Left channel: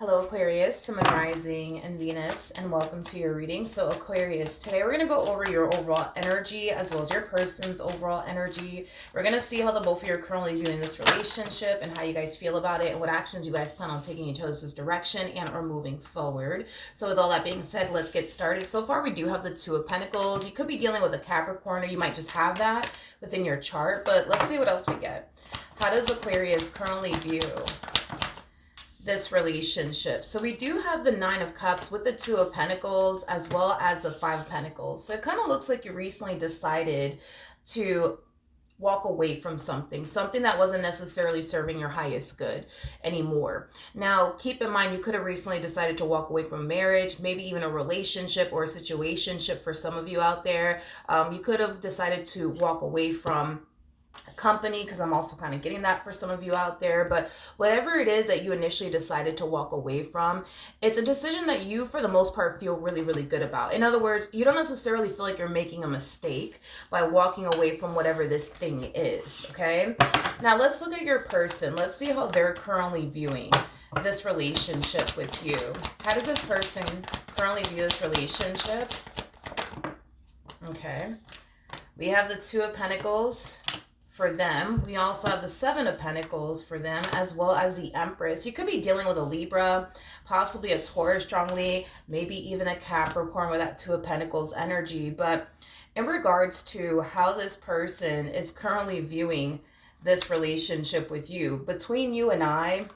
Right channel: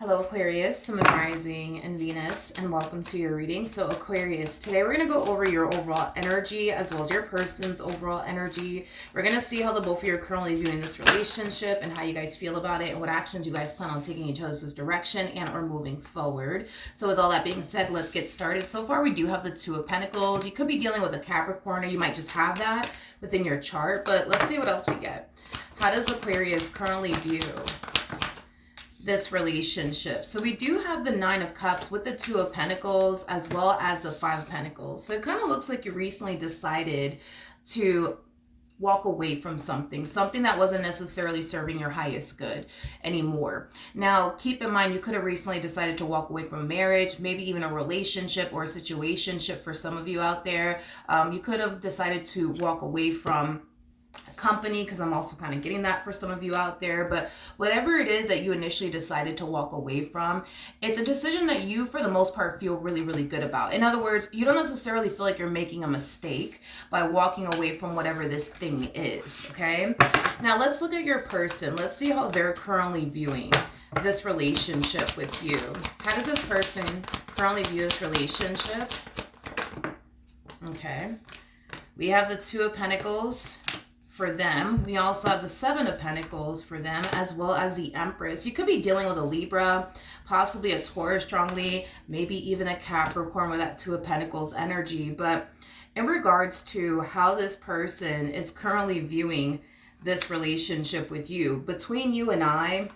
Hello Aquarius, Sun, Rising, and Venus, and welcome to your reading. So Aquarius, today we're going to go over your overall energy as well as your person's overall energy. We're going to see how the both of you are currently viewing this relationship and how you guys feel about it and what actions you guys plan on taking each other's direction and are moving forward. So with all that being said, let's get started. So far we do have the Two of Pentacles. You could be dealing with a Capricorn, or you might just have that within your chart, but let's see what else we get. How does Aquarius currently view this relationship? So we do have the Nine of Cups with the Two of Pentacles as well as the Five of Pentacles. So it kind of looks like you recently decided to walk away from something that wasn't necessarily serving your highest good anymore. Now, keep in mind, you could have recently decided to walk away from marriage, maybe even a relationship or a situationship for some of you out there. You could have decided to walk away from company, because I'm also kind of getting that for some of you out there. But whatever it is that you initially decided to walk away from, it's a decision that you for the most part feel really, really good about. In other words, you don't necessarily feel like you're making a mistake by walking away from whatever this thing is. Okay, now let's look at your person. Let's see how they're currently viewing this relationship with you. How does this person currently view this relationship? Okay, we have the Two of Pentacles for them. We also have the Seven of Pentacles for them, as well as the Empress. You could be dealing with a Libra, possibly a Taurus strongly, maybe even a Capricorn with that Two of Pentacles energy. But in regards to how this person is currently viewing this relationship with you, between you and I,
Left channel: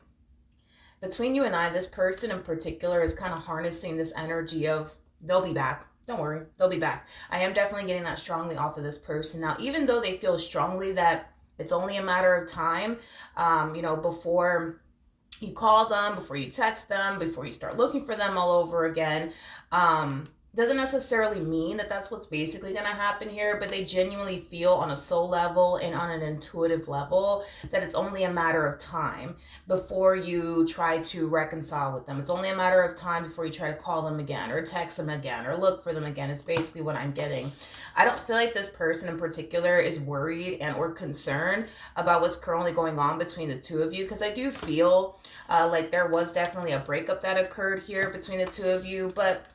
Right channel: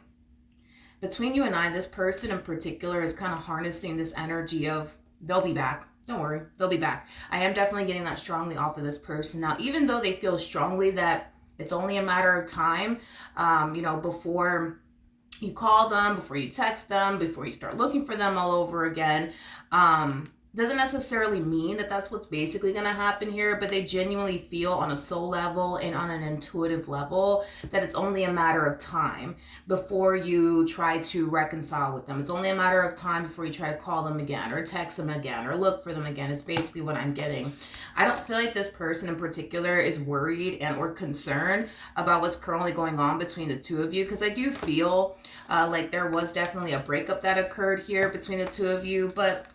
this person in particular is kind of harnessing this energy of they'll be back. Don't worry, they'll be back. I am definitely getting that strongly off of this person. Now, even though they feel strongly that it's only a matter of time, before you call them, before you text them, before you start looking for them all over again, doesn't necessarily mean that that's what's basically going to happen here, but they genuinely feel on a soul level and on an intuitive level that it's only a matter of time before you try to reconcile with them. It's only a matter of time before you try to call them again or text them again or look for them again. It's basically what I'm getting. I don't feel like this person in particular is worried and or concerned about what's currently going on between the two of you, because I do feel like there was definitely a breakup that occurred here between the two of you, but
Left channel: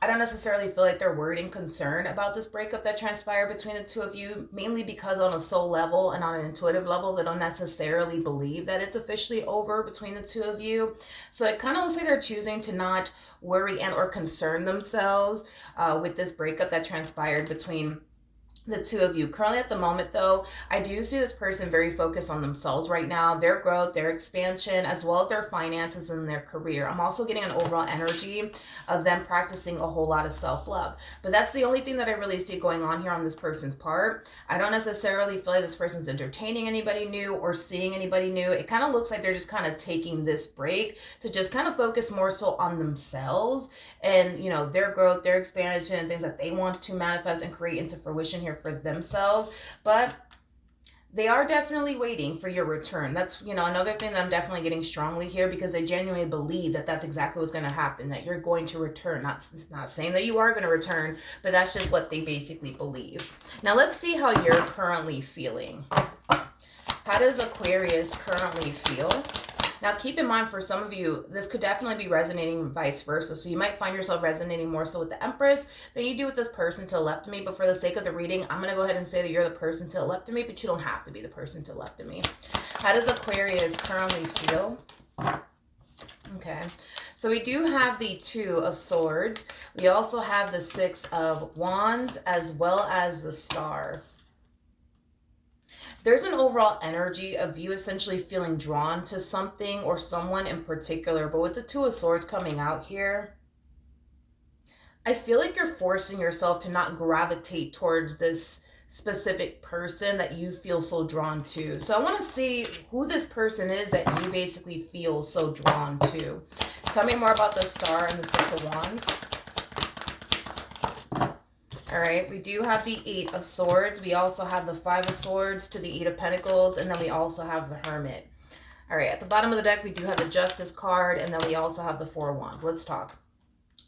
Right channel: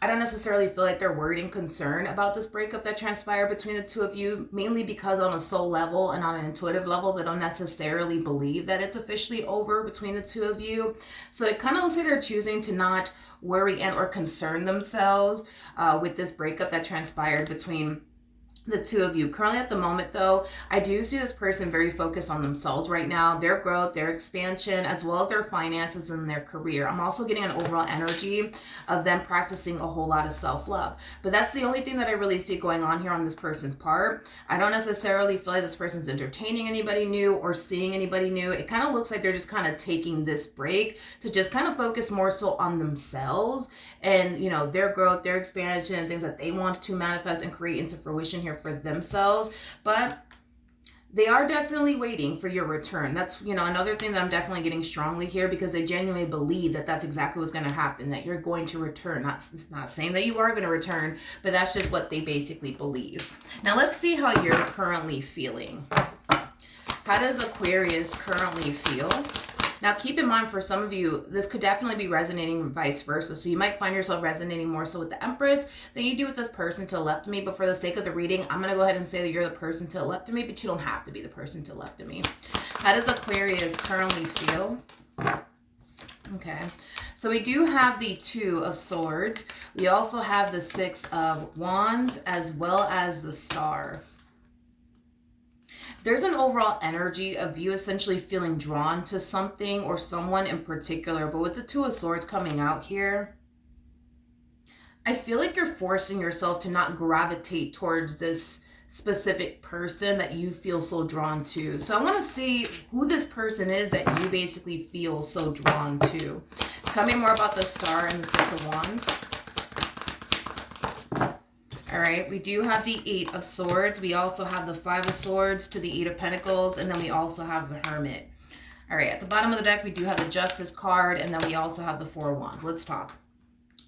I don't necessarily feel like they're worried and concerned about this breakup that transpired between the two of you, mainly because on a soul level and on an intuitive level, they don't necessarily believe that it's officially over between the two of you. So it kind of looks like they're choosing to not worry and or concern themselves with this breakup that transpired between the two of you. Currently at the moment though, I do see this person very focused on themselves right now, their growth, their expansion, as well as their finances and their career. I'm also getting an overall energy of them practicing a whole lot of self-love. But that's the only thing that I really see going on here on this person's part. I don't necessarily feel like this person's entertaining anybody new or seeing anybody new. It kind of looks like they're just kind of taking this break to just kind of focus more so on themselves and, their growth, their expansion, and things that they want to manifest and create into fruition here for themselves. But they are definitely waiting for your return. That's, another thing that I'm definitely getting strongly here, because they genuinely believe that that's exactly what's going to happen, that you're going to return. Not saying that you are going to return, but that's just what they basically believe. Now let's see how you're currently feeling. How does Aquarius currently feel? Now, keep in mind, for some of you, this could definitely be resonating vice versa. So you might find yourself resonating more so with the Empress than you do with this person to the left of me. But for the sake of the reading, I'm going to go ahead and say that you're the person to the left of me, but you don't have to be the person to the left of me. How does Aquarius currently feel? Okay, so we do have the Two of Swords. We also have the Six of Wands as well as the Star. There's an overall energy of you essentially feeling drawn to something or someone in particular. But with the Two of Swords coming out here, I feel like you're forcing yourself to not gravitate towards this specific person that you feel so drawn to. So I want to see who this person is that you basically feel so drawn to. Tell me more about the Star and the Six of Wands. All right, we do have the Eight of Swords. We also have the Five of Swords to the Eight of Pentacles, and then we also have the Hermit. All right, at the bottom of the deck, we do have the Justice card, and then we also have the Four of Wands. Let's talk.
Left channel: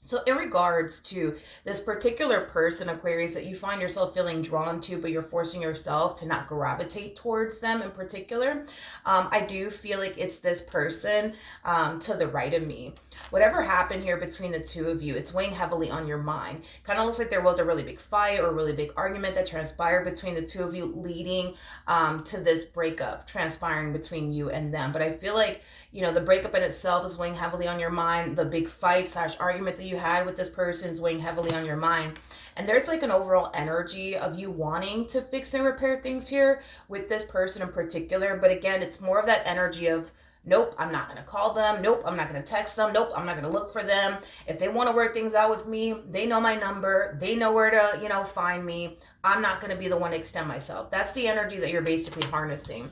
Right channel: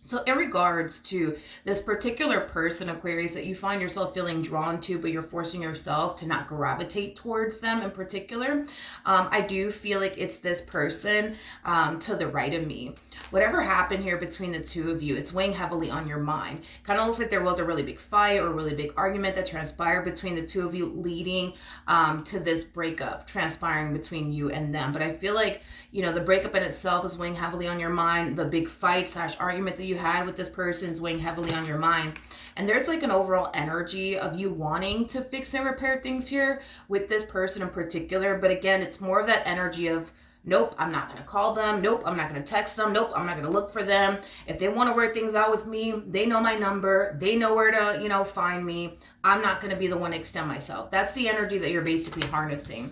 So in regards to this particular person, Aquarius, that you find yourself feeling drawn to, but you're forcing yourself to not gravitate towards them in particular, I do feel like it's this person to the right of me. Whatever happened here between the two of you, it's weighing heavily on your mind. Kind of looks like there was a really big fight or a really big argument that transpired between the two of you, leading to this breakup transpiring between you and them. But I feel like, you know, the breakup in itself is weighing heavily on your mind. The big fight slash argument that you had with this person is weighing heavily on your mind. And there's like an overall energy of you wanting to fix and repair things here with this person in particular. But again, it's more of that energy of, nope, I'm not going to call them. Nope, I'm not going to text them. Nope, I'm not going to look for them. If they want to work things out with me, they know my number. They know where to, you know, find me. I'm not going to be the one to extend myself. That's the energy that you're basically harnessing.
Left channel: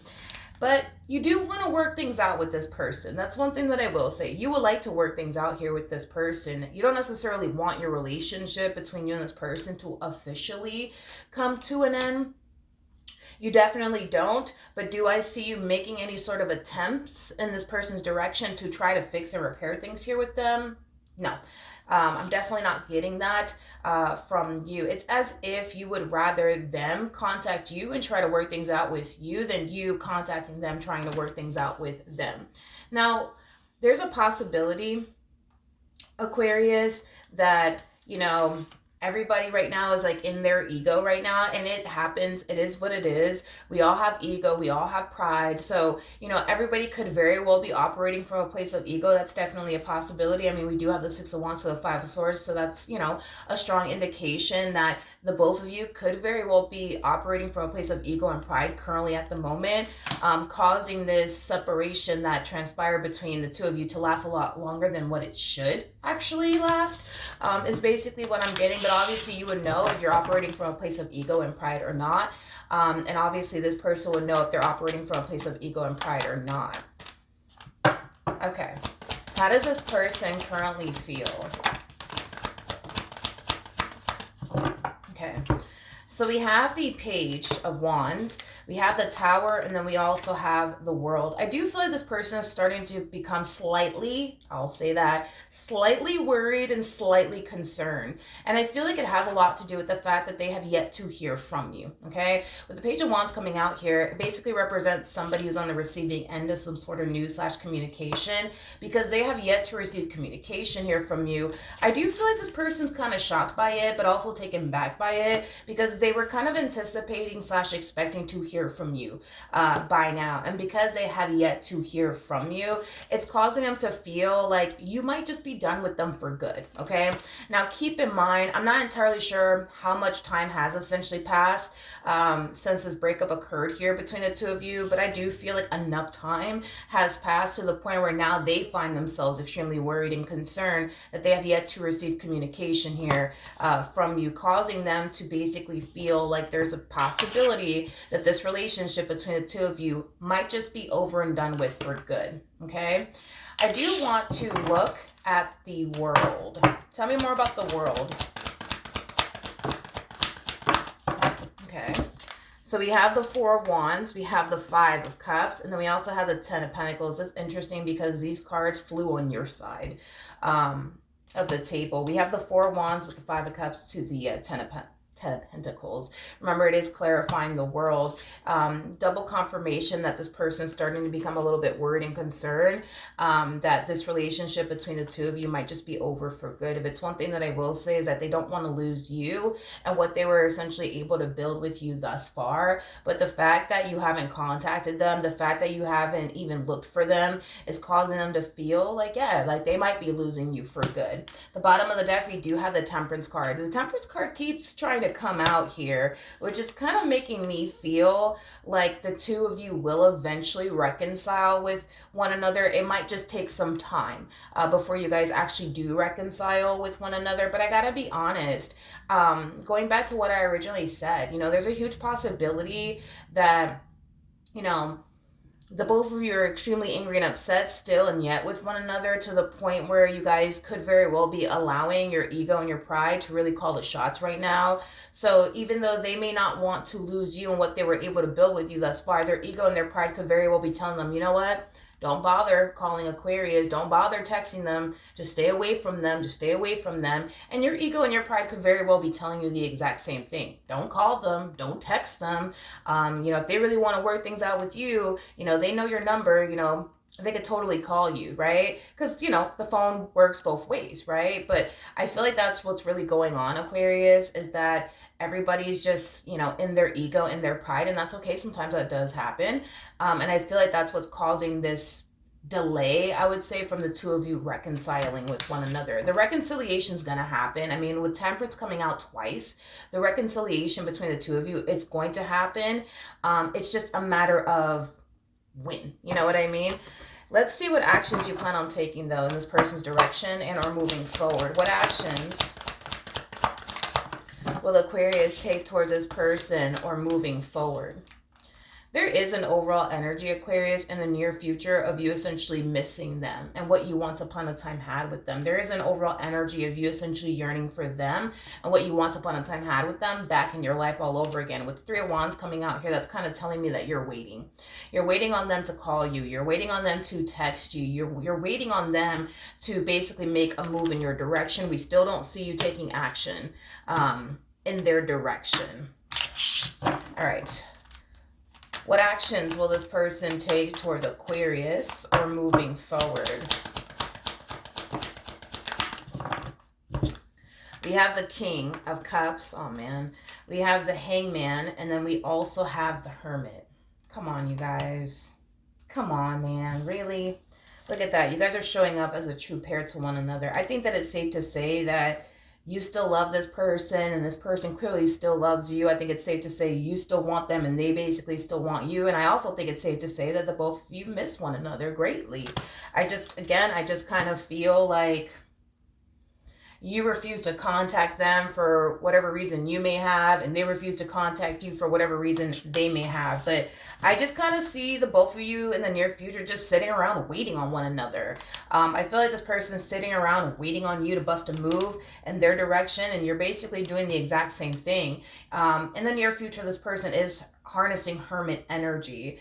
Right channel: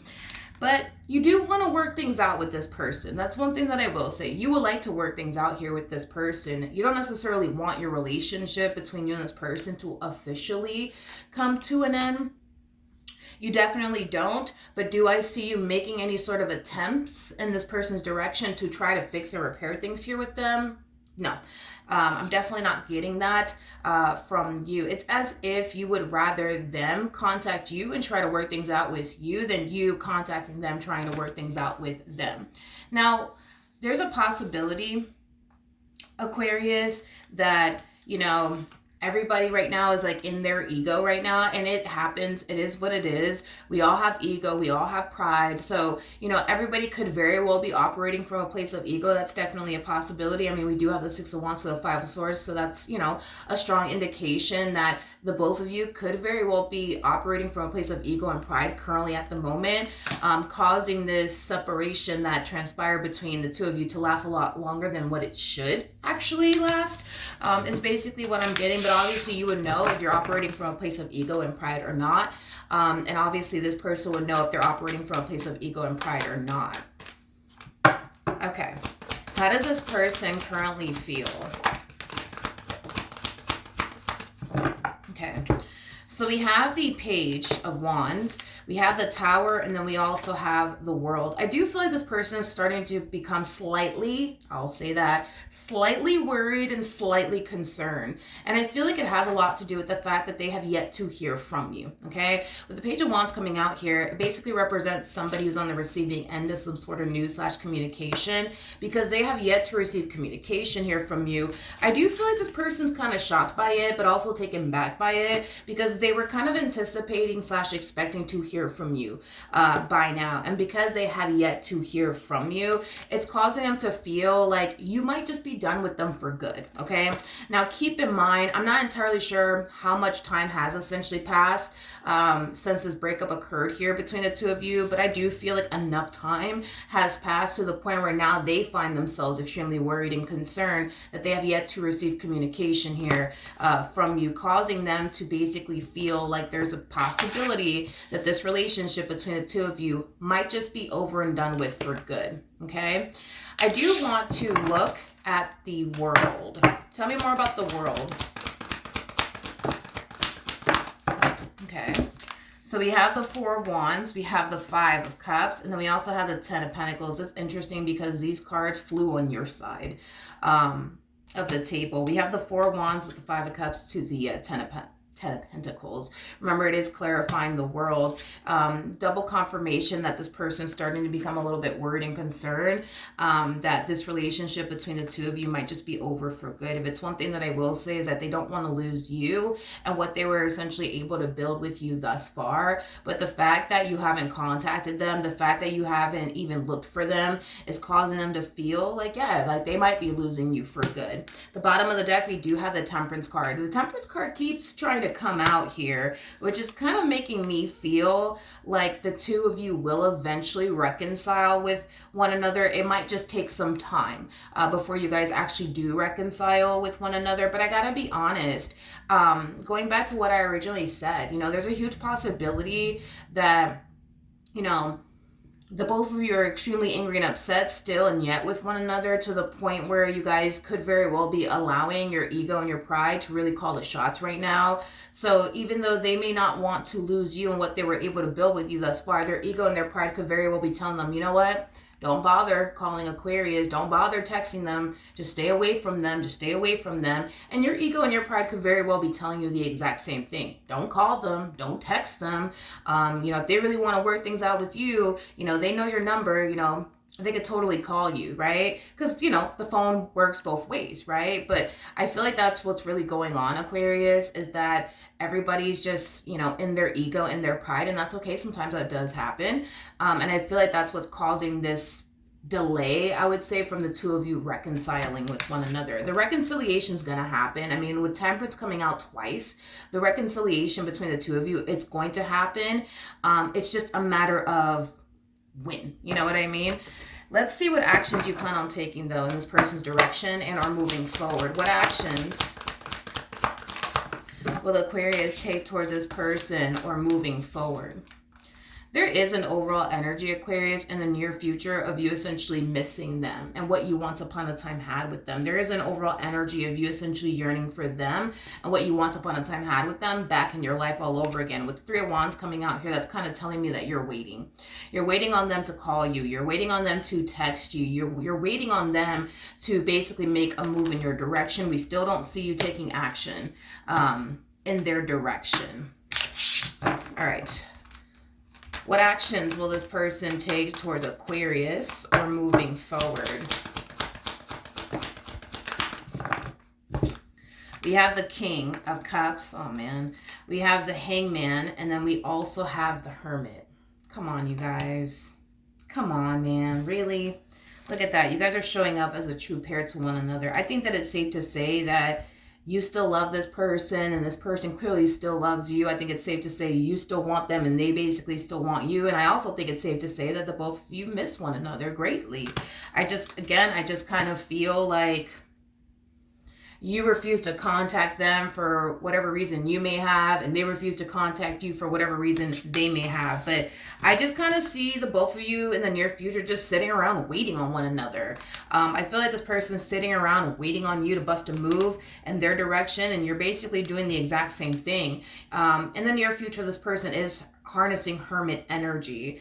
But you do want to work things out with this person. That's one thing that I will say. You would like to work things out here with this person. You don't necessarily want your relationship between you and this person to officially come to an end. You definitely don't. But do I see you making any sort of attempts in this person's direction to try to fix and repair things here with them? No. I'm definitely not getting that from you. It's as if you would rather them contact you and try to work things out with you than you contacting them trying to work things out with them. Now, there's a possibility, Aquarius, that, you know, everybody right now is like in their ego right now, and it happens. It is what it is. We all have ego. We all have pride. So, you know, everybody could very well be operating from a place of ego. That's definitely a possibility. I mean, we do have the Six of Wands to the Five of Swords. So that's, you know, a strong indication that the both of you could very well be operating from a place of ego and pride currently at the moment, causing this separation that transpired between the two of you to last a lot longer than what it should actually last, is basically what I'm getting. But obviously you would know if you're operating from a place of ego and pride or not. And obviously this person would know if they're operating from a place of ego and pride or not. Okay. How does this person currently feel? Okay, so we have the Page of Wands, we have the Tower, and then we also have the World. I do feel like this person is starting to become slightly, I'll say that, slightly worried and slightly concerned. And I feel like it has a lot to do with the fact that they have yet to hear from you, okay? With the Page of Wands coming out here, it basically represents somebody who's on the receiving end of some sort of news slash communication, because they have yet to receive communication here from you. I do feel like this person's kind of shocked by it, but also taken back by it, because they were kind of anticipating slash expecting to hear from you by now. And because they have yet to hear from you, it's causing them to feel like you might just be done with them for good, okay? Now, keep in mind, I'm not entirely sure how much time has essentially passed since this breakup occurred here between the two of you, but I do feel like enough time has passed to the point where now they find themselves extremely worried and concerned that they have yet to receive communication here from you, causing them to basically feel like there's a possibility that this relationship between the two of you might just be over and done with for good, okay? I do want to look at the World. Tell me more about the World. Okay, so we have the Four of Wands, we have the Five of Cups, and then we also have the Ten of Pentacles. It's interesting because these cards flew on your side of the table. We have the Four of Wands with the Five of Cups to the Ten of Pentacles. Remember, it is clarifying the World. Double confirmation that this person's starting to become a little bit worried and concerned that this relationship between the two of you might just be over for good. If it's one thing that I will say is that they don't want to lose you and what they were essentially able to build with you thus far. But the fact that you haven't contacted them, the fact that you haven't even looked for them is causing them to feel like, yeah, like they might be losing you for good. The bottom of the deck, we do have the Temperance card. The Temperance card keeps trying to come out here, which is kind of making me feel like the two of you will eventually reconcile with one another. It might just take some time before you guys actually do reconcile with one another. But I gotta be honest, going back to what I originally said, you know, there's a huge possibility that, you know, the both of you are extremely angry and upset still and yet with one another, to the point where you guys could very well be allowing your ego and your pride to really call the shots right now. So even though they may not want to lose you and what they were able to build with you thus far, their ego and their pride could very well be telling them, you know what? Don't bother calling Aquarius. Don't bother texting them. Just stay away from them. Just stay away from them. And your ego and your pride could very well be telling you the exact same thing. Don't call them. Don't text them. If they really want to work things out with you, they know your number, they could totally call you, right? Because, the phone works both ways, right? But I feel like that's what's really going on, Aquarius, is that everybody's just, in their ego, in their pride, and that's okay. Sometimes that does happen. And I feel like that's what's causing this delay, I would say, from the two of you reconciling with one another. The reconciliation is going to happen. I mean, with Temperance coming out twice, the reconciliation between the two of you, it's going to happen. It's just a matter of when, you know what I mean? Let's see what actions you plan on taking, though, in this person's direction and are moving forward. What actions will Aquarius take towards this person or moving forward? There is an overall energy, Aquarius, in the near future of you essentially missing them and what you once upon a time had with them. There is an overall energy of you essentially yearning for them and what you once upon a time had with them back in your life all over again. With the Three of Wands coming out here, that's kind of telling me that you're waiting. You're waiting on them to call you. You're waiting on them to text you. You're waiting on them to basically make a move in your direction. We still don't see you taking action in their direction. All right. What actions will this person take towards Aquarius or moving forward? We have the King of Cups. Oh, man. We have the Hangman, and then we also have the Hermit. Come on, you guys. Come on, man. Really? Look at that. You guys are showing up as a true pair to one another. I think that it's safe to say that you still love this person and this person clearly still loves you. I think it's safe to say you still want them and they basically still want you. And I also think it's safe to say that the both of you miss one another greatly. I just kind of feel like you refuse to contact them for whatever reason you may have, and they refuse to contact you for whatever reason they may have. But I just kind of see the both of you in the near future just sitting around waiting on one another. I feel like this person's sitting around waiting on you to bust a move in their direction, and you're basically doing the exact same thing. In the near future, this person is harnessing Hermit energy.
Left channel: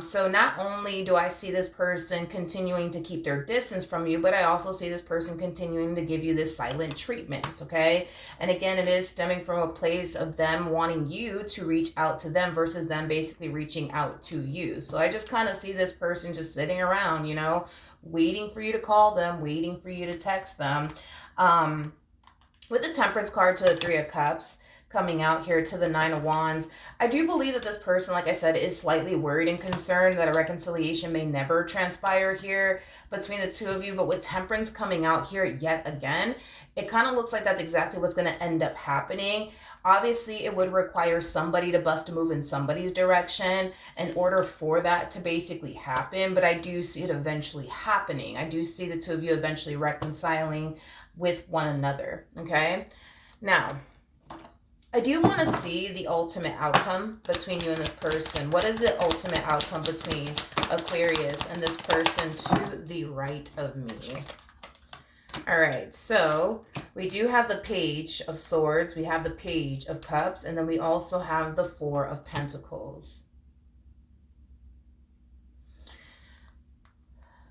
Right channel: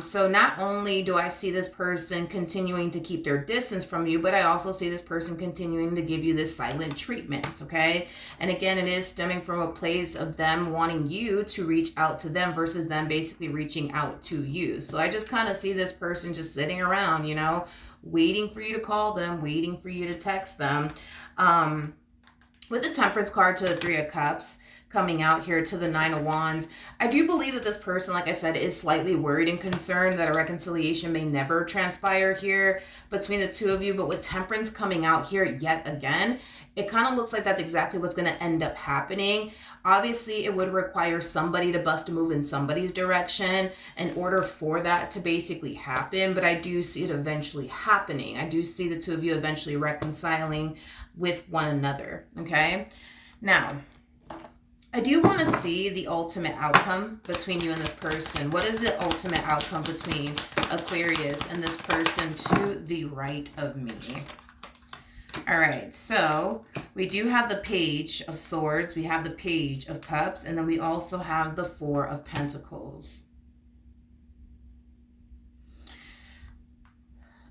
So not only do I see this person continuing to keep their distance from you, but I also see this person continuing to give you this silent treatment, okay? And again, it is stemming from a place of them wanting you to reach out to them versus them basically reaching out to you. So I just kind of see this person just sitting around, waiting for you to call them, waiting for you to text them. With the Temperance card to the Three of Cups, coming out here to the Nine of Wands, I do believe that this person, like I said, is slightly worried and concerned that a reconciliation may never transpire here between the two of you. But with Temperance coming out here yet again, it kind of looks like that's exactly what's going to end up happening. Obviously, it would require somebody to bust a move in somebody's direction in order for that to basically happen. But I do see it eventually happening. I do see the two of you eventually reconciling with one another, okay? Now, I do want to see the ultimate outcome between you and this person. What is the ultimate outcome between Aquarius and this person to the right of me? All right, so we do have the Page of Swords, we have the Page of Cups, and then we also have the Four of Pentacles.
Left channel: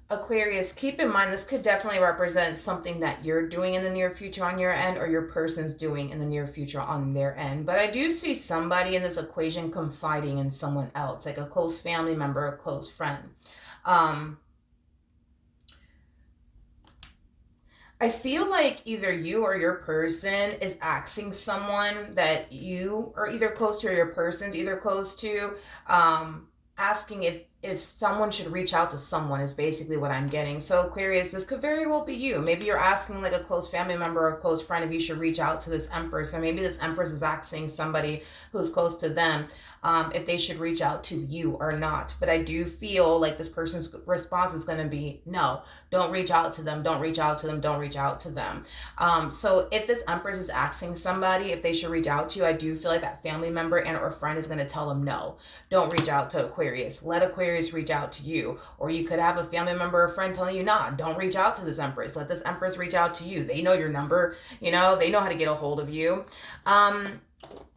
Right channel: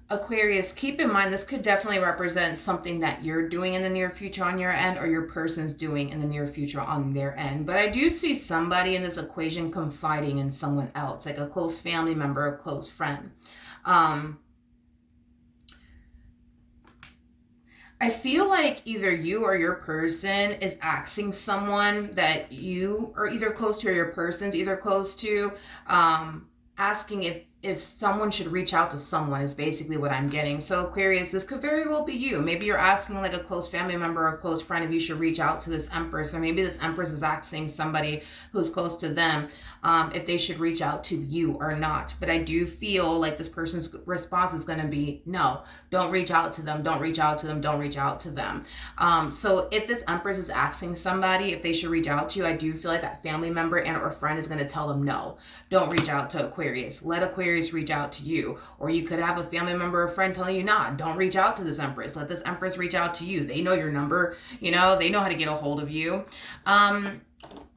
Aquarius, keep in mind this could definitely represent something that you're doing in the near future on your end, or your person's doing in the near future on their end. But I do see somebody in this equation confiding in someone else, like a close family member, a close friend. I feel like either you or your person is asking someone that you are either close to or your person's either close to, asking if someone should reach out to someone is basically what I'm getting. So Aquarius, this could very well be you. Maybe you're asking like a close family member or a close friend if you should reach out to this Empress, or maybe this Empress is asking somebody who's close to them if they should reach out to you or not. But I do feel like this person's response is going to be, no, don't reach out to them, don't reach out to them, don't reach out to them. So if this Empress is asking somebody if they should reach out to you, I do feel like that family member and or friend is going to tell them, no, don't reach out to Aquarius. Let Aquarius reach out to you. Or you could have a family member or friend telling you, nah, don't reach out to this Empress. Let this Empress reach out to you. They know your number, they know how to get a hold of you.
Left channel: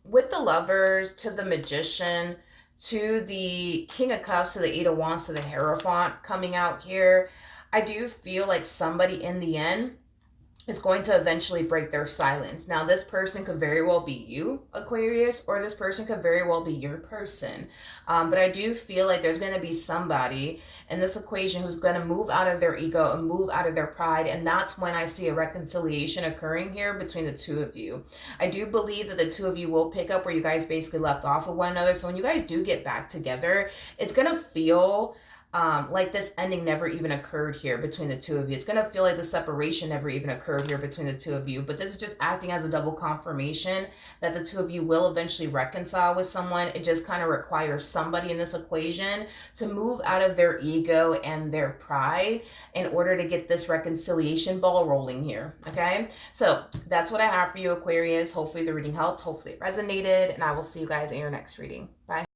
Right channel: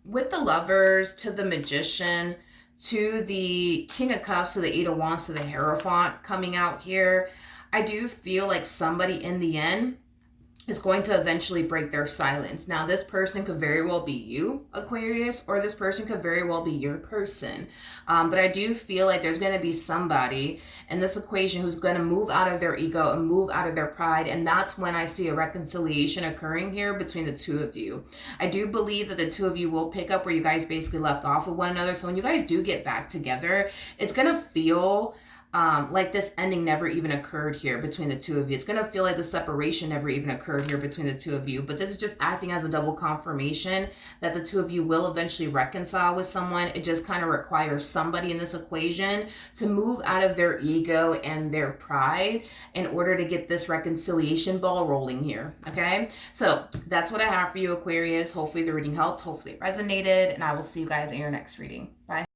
With the Lovers to the Magician to the King of Cups to the Eight of Wands to the Hierophant coming out here. I do feel like somebody in the end is going to eventually break their silence. Now, this person could very well be you, Aquarius, or this person could very well be your person. But I do feel like there's going to be somebody in this equation who's going to move out of their ego and move out of their pride. And that's when I see a reconciliation occurring here between the two of you. I do believe that the two of you will pick up where you guys basically left off with one another. So when you guys do get back together, it's going to feel like this ending never even occurred here between the two of you. It's going to feel like the separation never even occurred here between the two of you. But this is just acting as a double confirmation that the two of you will eventually reconcile with someone. It just kind of requires somebody in this equation to move out of their ego and their pride in order to get this reconciliation ball rolling here. Okay, so that's what I have for you, Aquarius. Hopefully the reading helped. Hopefully it resonated. And I will see you guys in your next reading. Bye.